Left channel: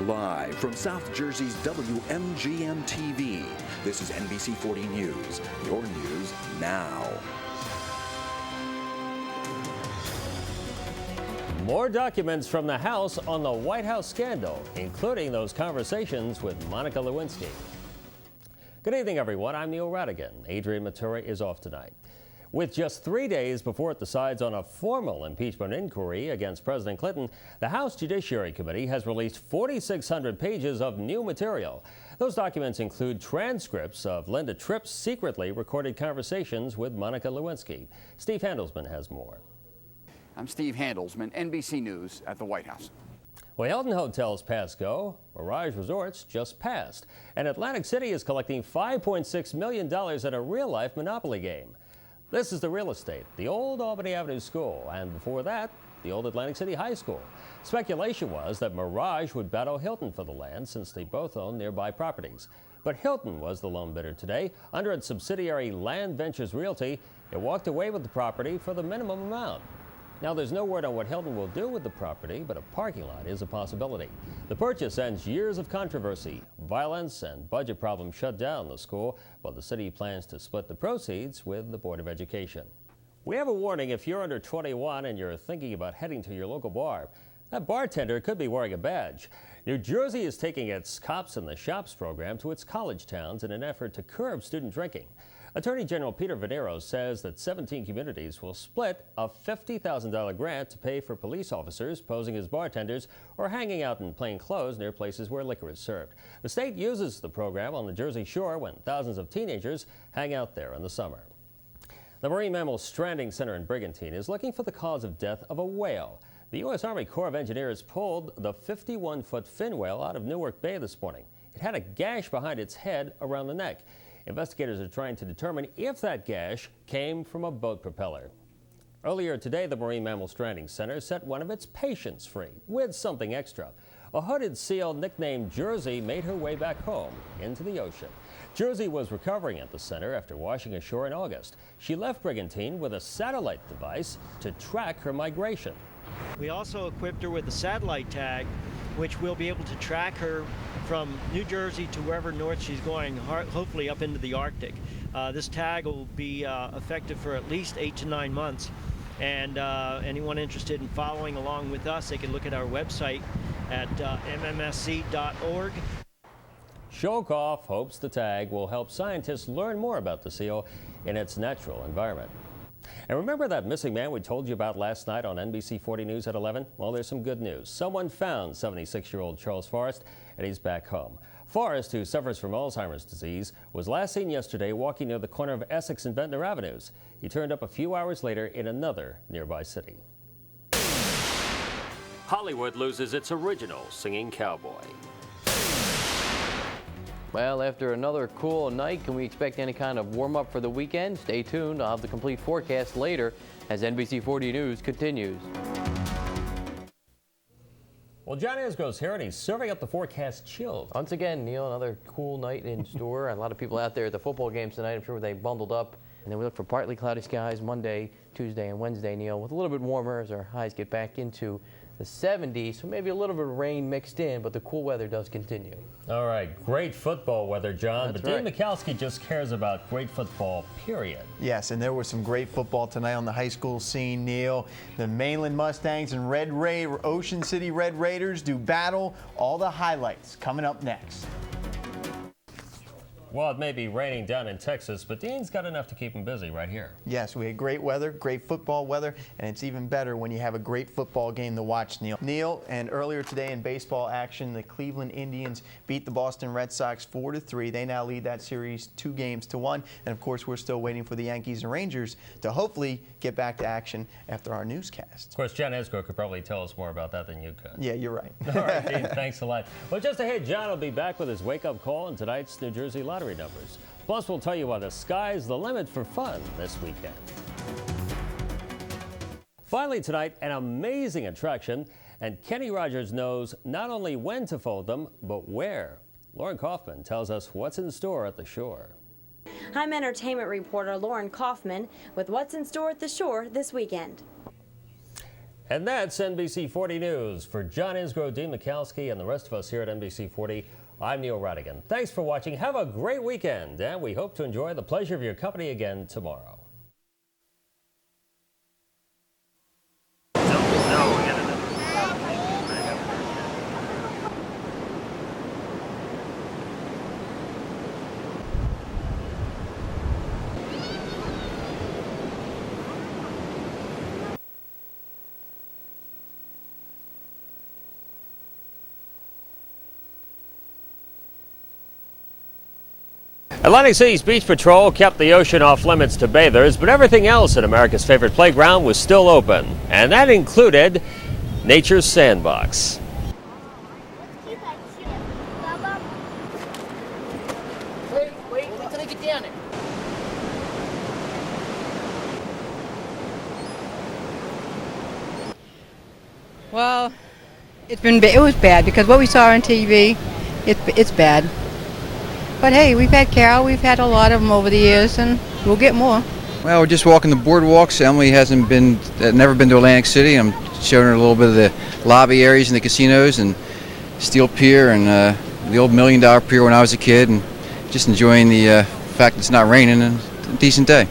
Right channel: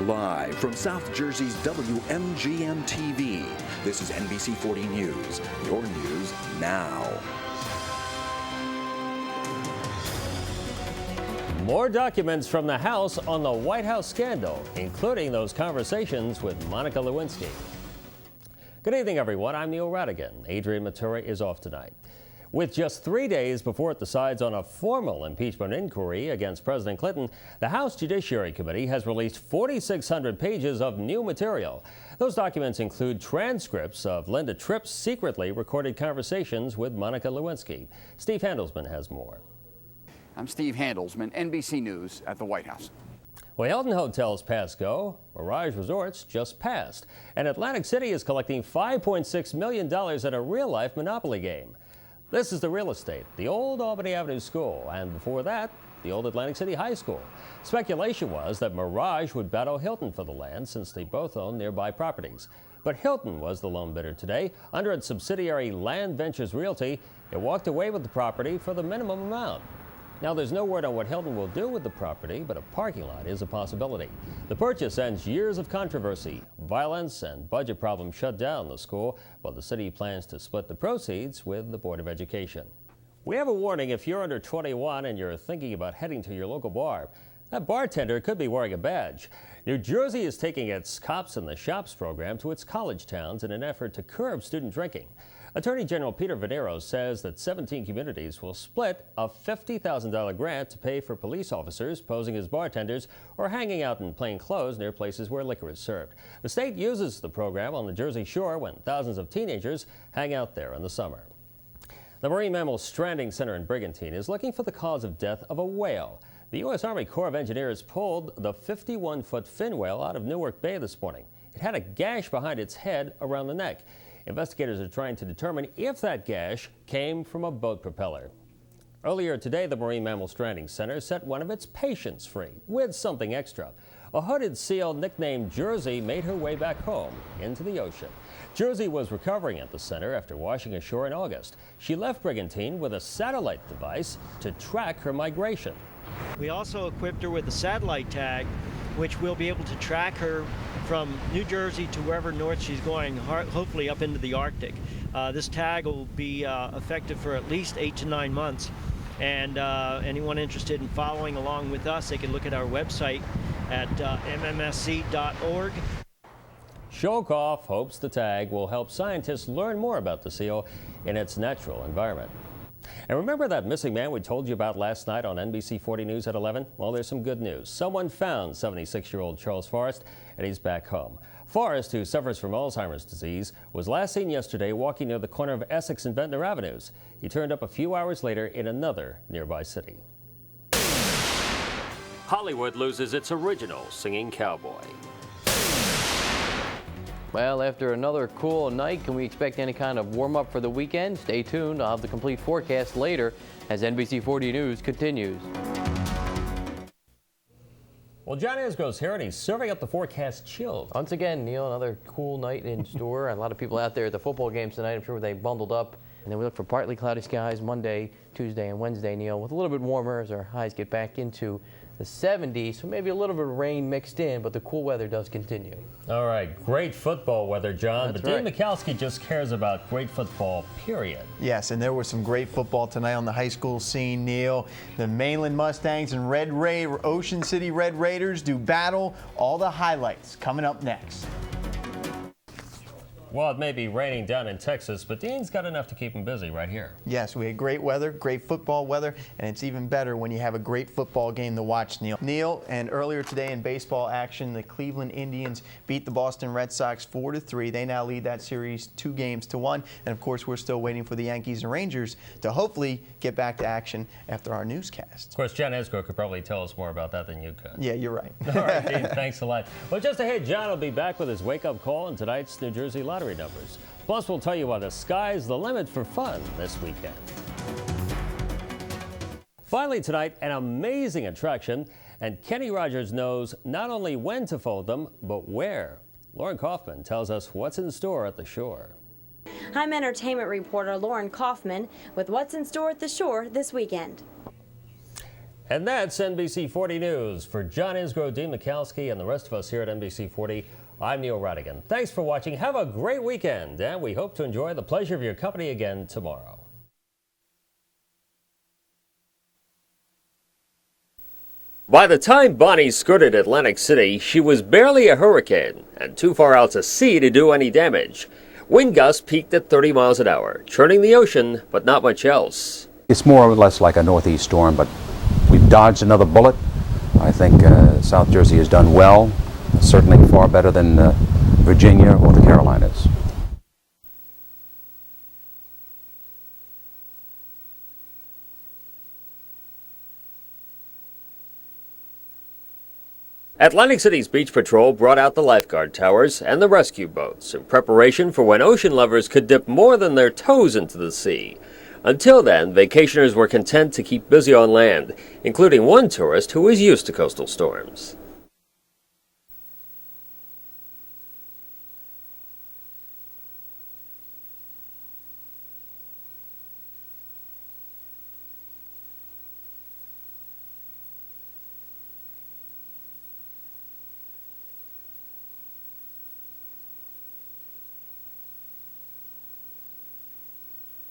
Live from South Jersey's WMGM-TV, this is NBC 40 News, your news now. More documents from the House on the White House scandal, including those conversations with Monica Lewinsky. Good evening, everyone. I'm Neil Rattigan. Adrian Matura is off tonight. With just 3 days before it decides on a formal impeachment inquiry against President Clinton, the House Judiciary Committee has released 4,600 pages of new material. Those documents include transcripts of Linda Tripp's secretly recorded conversations with Monica Lewinsky. Steve Handelsman has more. I'm Steve Handelsman, NBC News at the White House. Well, Hilton Hotels passed go, Mirage Resorts just passed, and Atlantic City is collecting $5.6 million at a real-life Monopoly game. This is the real estate, the old Albany Avenue School, and before that, the old Atlantic City High School. Speculation was that Mirage would battle Hilton for the land since they both own nearby properties. But Hilton was the lone bidder today. Under its subsidiary Land Ventures Realty, it walked away with the property for the minimum amount. Now, there's no word on what Hilton will do with the property, but a parking lot is a possibility. The purchase ends years of controversy. Violence and budget problems shut down the school, while the city plans to split the proceeds with the Board of Education. We have a warning if you're under 21 and you're thinking about heading to your local bar. That bartender could be wearing a badge. New Jersey is taking its Cops in the Shops program to its college towns in an effort to curb student drinking. Attorney General Peter Venero says that 17 communities will split a $50,000 grant to pay for police officers posing as bartenders or hanging out in plain clothes near places where liquor is served. The state uses the program on the Jersey Shore when thousands of teenagers hang out there in the summer. The Marine Mammal Stranding Center in Brigantine is looking for the cause of death of a whale. The U.S. Army Corps of Engineers pulled the 51-foot fin whale out of Newark Bay this morning. It had a gash behind its head around the neck. Investigators are trying to determine if that gash came from a boat propeller. Earlier today, the Marine Mammal Stranding Center set one of its patients free with something extra. A hooded seal nicknamed Jersey made her way back home into the ocean. Jersey was recovering at the center after washing ashore in August. She left Brigantine with a satellite device to track her migration. We also equipped her with a satellite tag, which will be able to track her from New Jersey to wherever north she's going, hopefully up into the Arctic. This tag will be effective for at least 8 to 9 months. And anyone interested in following along with us, they can look at our website at mmsc.org. Shokoff hopes the tag will help scientists learn more about the seal in its natural environment. And remember that missing man we told you about last night on NBC 40 News at 11? Well, there's some good news. Someone found 76-year-old Charles Forrest, and he's back home. Forrest, who suffers from Alzheimer's disease, was last seen yesterday walking near the corner of Essex and Ventnor Avenues. He turned up a few hours later in another nearby city. Hollywood loses its original singing cowboy. Well, after another cool night, can we expect any kind of warm-up for the weekend? Stay tuned. I'll have the complete forecast later as NBC 40 News continues. Well, John Esgro's here, and he's serving up the forecast chilled. Once again, Neil, another cool night in store. A lot of people out there at the football games tonight. I'm sure they bundled up. And then we look for partly cloudy skies Monday, Tuesday, and Wednesday, Neil, with a little bit warmer as our highs get back into the 70s, so maybe a little bit of rain mixed in, but the cool weather does continue. All right, great football weather, John. That's but Dean right. Mikowski just cares about great football, period. Yes, and there was some great football tonight on the high school scene, Neil. The Mainland Mustangs and Ocean City Red Raiders do battle. All the highlights coming up next. Well, it may be raining down in Texas, but Dean's got enough to keep him busy right here. Yes, we had great weather, great football weather, and it's even better when you have a great football game to watch, Neil. Neil, and earlier today in baseball action, the Cleveland Indians beat the Boston Red Sox 4-3. They now lead that series 2-1. And of course, we're still waiting for the Yankees and Rangers to hopefully get back to action after our newscast. Of course, John Esgro could probably tell us more about that than you could. Yeah, you're right. All right, Dean, thanks a lot. Well, just ahead, John will be back with his wake-up call in tonight's New Jersey lottery numbers. Plus, we'll tell you why the sky's the limit for fun this weekend. Finally tonight, an amazing attraction, and Kenny Rogers knows not only when to fold them, but where. Lauren Kaufman tells us what's in store at the Shore. I'm entertainment reporter Lauren Kaufman with what's in store at the Shore this weekend. And that's NBC 40 News. For John Isgro, Dean Mikowski, and the rest of us here at NBC 40, I'm Neil Rattigan. Thanks for watching. Have a great weekend, and we hope to enjoy the pleasure of your company again tomorrow. By the time Bonnie skirted Atlantic City, she was barely a hurricane and too far out to sea to do any damage. Wind gusts peaked at 30 miles an hour, churning the ocean, but not much else. It's more or less like a northeast storm, but we've dodged another bullet. I think South Jersey has done well, certainly far better than Virginia or the Carolinas. Atlantic City's beach patrol kept the ocean off limits to bathers, but everything else at America's favorite playground was still open, and that included nature's sandbox. Atlantic City's beach patrol brought out the lifeguard towers and the rescue boats in preparation for when ocean lovers could dip more than their toes into the sea. Until then, vacationers were content to keep busy on land, including one tourist who was used to coastal storms. It was bad because what we saw on TV, it's bad. But hey, we've had Carol, we've had a lot of them over the years, and we'll get more. Well, we're just walking the boardwalks. Emily hasn't been, never been to Atlantic City. I'm showing her a little bit of the lobby areas and the casinos and Steel Pier and the old $1 Million Pier when I was a kid, and just enjoying the fact it's not raining and a decent day.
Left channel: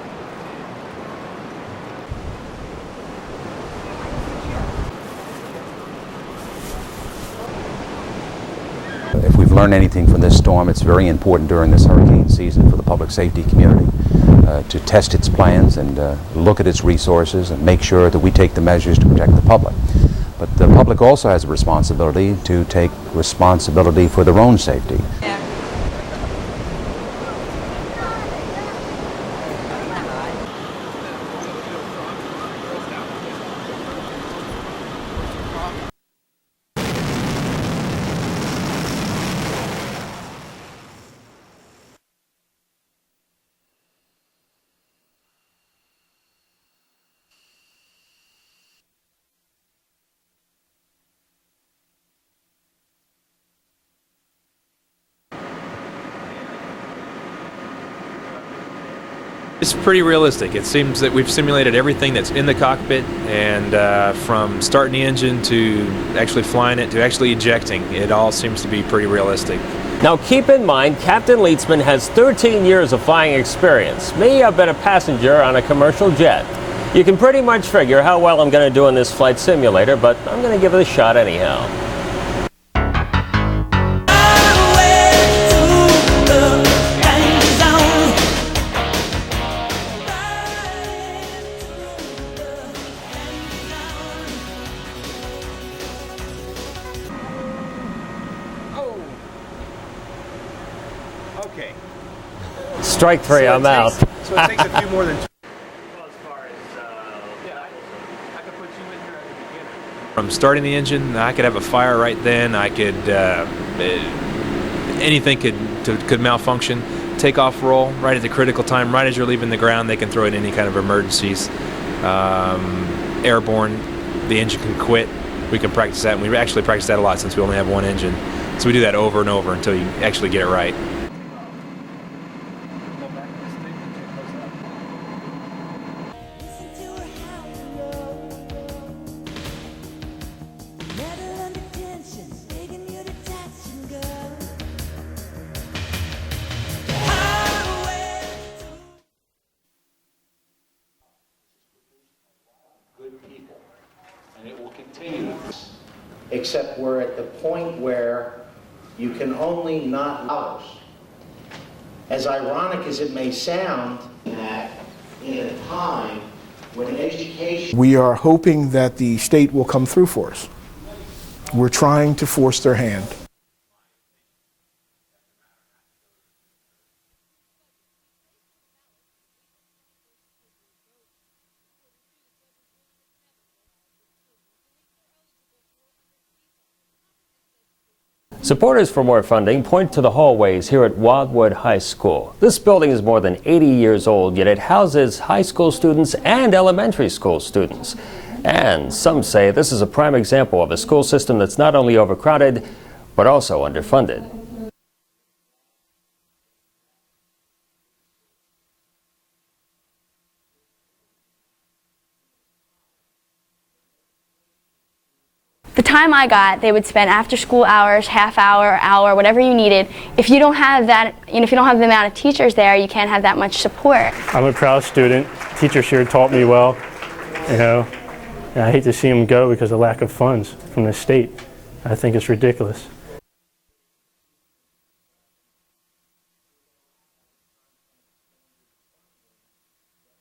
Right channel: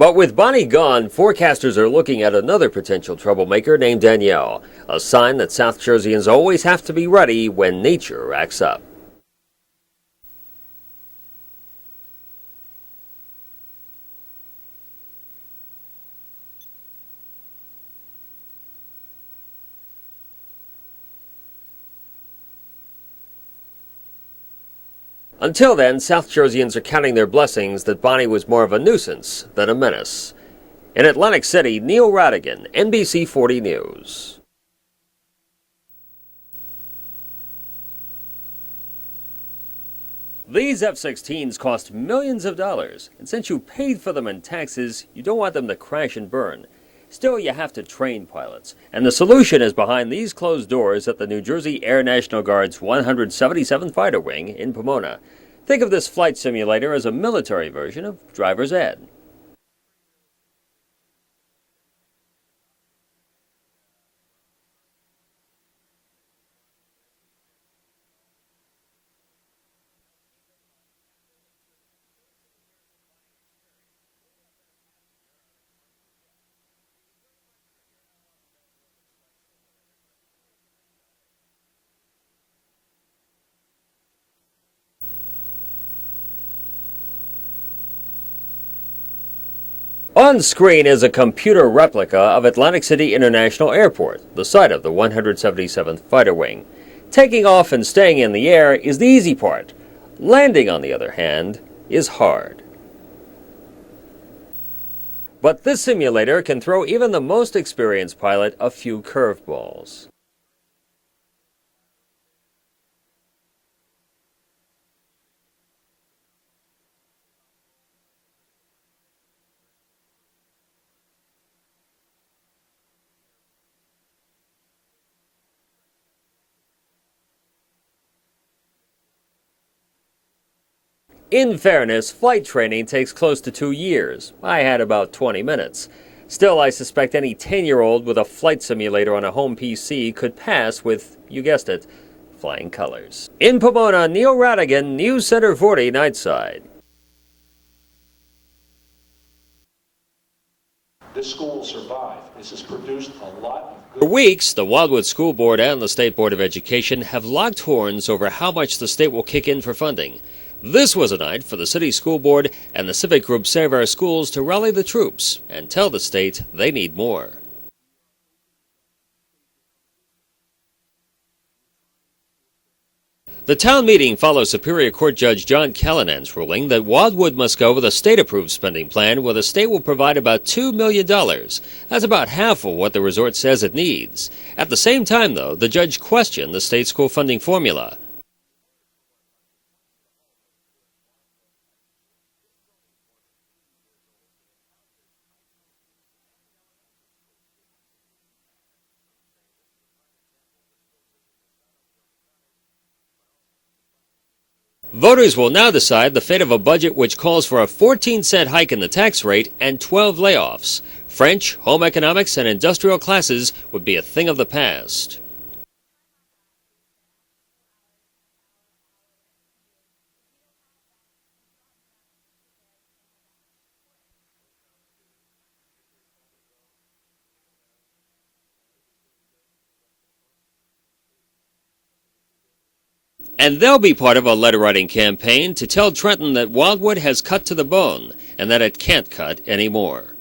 But with Bonnie gone, forecasters are looking at another potential troublemaker named Danielle, a sign that South Jerseyans always have to be ready when nature acts up. If we've learned anything from this storm, it's very important during this hurricane season for the public safety community to test its plans and look at its resources and make sure that we take the measures to protect the public. But the public also has a responsibility to take responsibility for their own safety. Until then, South Jerseyans are counting their blessings that Bonnie was more of a nuisance than a menace. In Atlantic City, Neil Rattigan, NBC 40 News. These F-16s cost millions of dollars, and since you paid for them in taxes, you don't want them to crash and burn. Still, you have to train pilots, and the solution is behind these closed doors at the New Jersey Air National Guard's 177th Fighter Wing in Pomona. Think of this flight simulator as a military version of driver's ed. It's pretty realistic. It seems that we've simulated everything that's in the cockpit, and from starting the engine to actually flying it to actually ejecting, it all seems to be pretty realistic. Now keep in mind, Captain Leitzman has 13 years of flying experience. Me, I've been a passenger on a commercial jet. You can pretty much figure how well I'm going to do in this flight simulator, but I'm going to give it a shot anyhow. On screen is a computer replica of Atlantic City International Airport, the site of the 177th Fighter Wing. Taking off and staying in the air is the easy part. Landing, on the other hand, is hard. Strike three, I'm out. So it takes a few more than two. But this simulator can throw even the most experienced pilot a few curveballs. From starting the engine, I could have a fire right then. I could, anything could malfunction. Takeoff roll right at the critical time, right as you're leaving the ground. They can throw in any kind of emergencies. Airborne, the engine can quit. We can practice that, and we actually practice that a lot since we only have one engine. So we do that over and over until you actually get it right. In fairness, flight training takes close to 2 years. I had about 20 minutes. Still, I suspect any 10-year-old with a flight simulator on a home PC could pass with, you guessed it, flying colors. In Pomona, Neil Rattigan, News Center 40 Nightside. This school will survive. This has produced a lot. For weeks, the Wildwood School Board and the State Board of Education have locked horns over how much the state will kick in for funding. This was a night for the city school board and the civic group Save Our Schools to rally the troops and tell the state they need more. We are hoping that the state will come through for us. We're trying to force their hand. The town meeting follows Superior Court Judge John Callinan's ruling that Wildwood must go with a state-approved spending plan where the state will provide about $2 million. That's about half of what the resort says it needs. At the same time, though, the judge questioned the state school funding formula. Supporters for more funding point to the hallways here at Wildwood High School. This building is more than 80 years old, yet it houses high school students and elementary school students. And some say this is a prime example of a school system that's not only overcrowded, but also underfunded. Voters will now decide the fate of a budget which calls for a 14-cent hike in the tax rate and 12 layoffs. French, home economics, and industrial classes would be a thing of the past. The time I got, they would spend after school hours, half hour, whatever you needed. If you don't have that, if you don't have the amount of teachers there, you can't have that much support. I'm a proud student. Teachers here taught me well, and I hate to see them go because of lack of funds from the state. I think it's ridiculous. And they'll be part of a letter-writing campaign to tell Trenton that Wildwood has cut to the bone and that it can't cut anymore.